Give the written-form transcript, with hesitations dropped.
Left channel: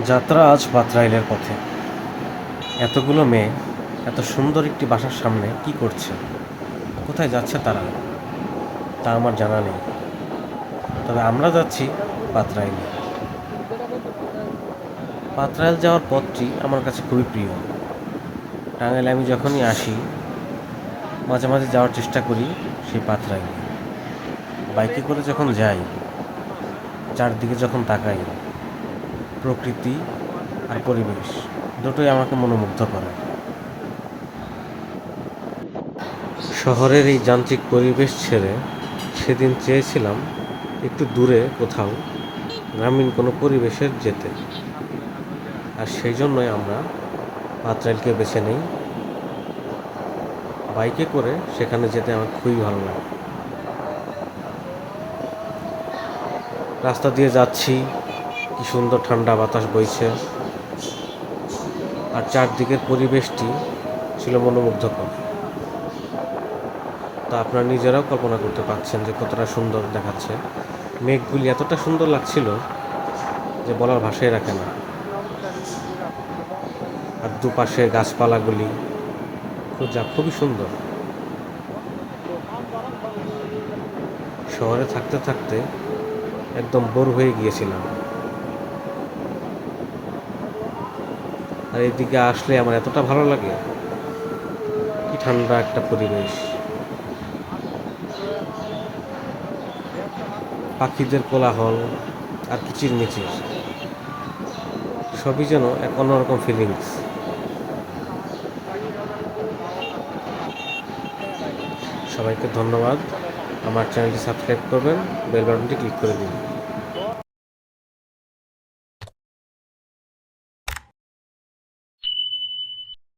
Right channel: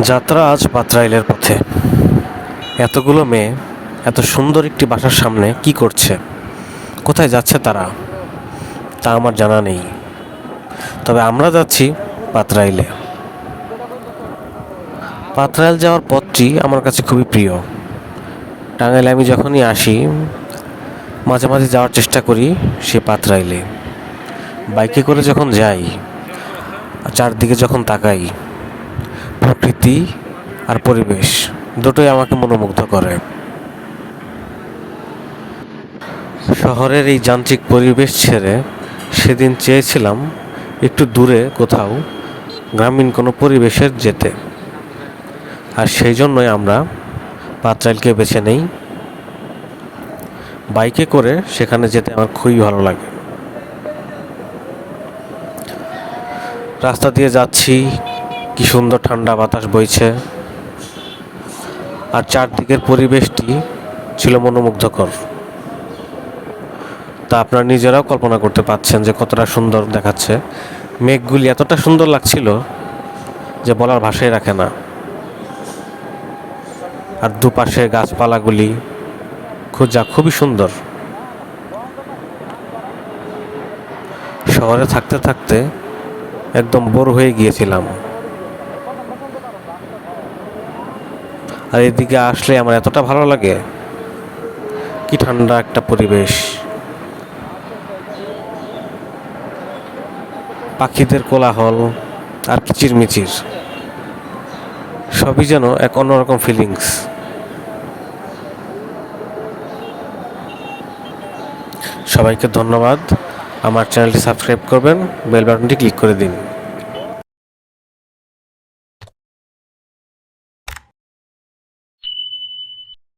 যাত্রা আজ পাত্রাইলের পথে। এতগুলো মেয়ে এত সুন্দর একটি বাসার সামনে কি করছে, কোথায় যাচ্ছে তারা, তা আমার জানা নেই। তবে আমরা যাচ্ছি পাত্রাইলে। পাত্রাইল যাওয়ার পথটি আমার কাছে খুবই প্রিয়। টাঙ্গাইলে আমি যখনই আসি মাঝে মাঝে যাওয়ার চেষ্টা করি সে পাত্রাইলে। বাইকে করে যখন যাই, চারদিকে যখন তাকাই, প্রকৃতি আর পরিবেশ দুটোই আমাকে মনোমুগ্ধ করে। শহরের এই যান্ত্রিক পরিবেশ ছেড়ে সেদিন চেয়েছিলাম একটু দূরে কোথাও গ্রামীণ কোনো পরিবেশের যেতে, আর সেই জন্যই আমরা পাত্রাইলকে বেছে নেই। বাইকে করে সেখানে যেতে আমার খুবই ভালো লাগে। রাস্তা দিয়ে যাচ্ছি, কি সুন্দর ঠান্ডা বাতাস বইছে, আর চারদিকের পরিবেশটি ছিল মনোমুগ্ধকর। তা আপনারা নিজেরাও কল্পনা করতে পারছেন যে কতটা সুন্দর দেখাচ্ছে। মেঘগুলি এতটা সুন্দর লাগছিল যে বলার ভাষাই রাখে না। আর দুপাশে গাছপালাগুলি খুবই সুন্দর। শহরে থাকতে থাকতে একদম বোর হয়ে গিয়েছিলাম, আর এদিকে আসলে আমার এতটা ভালো লাগে। কি ঠান্ডা একটা পরিবেশ, পাখিদের কোলাহল আর কিচিরমিচির, সবই যেন এক অন্যরকম ফিলিংস। সবাইকে ধন্যবাদ। আমার চ্যানেলটি সাবস্ক্রাইব করবেন, বেল বাটনটি ক্লিক করে দিন।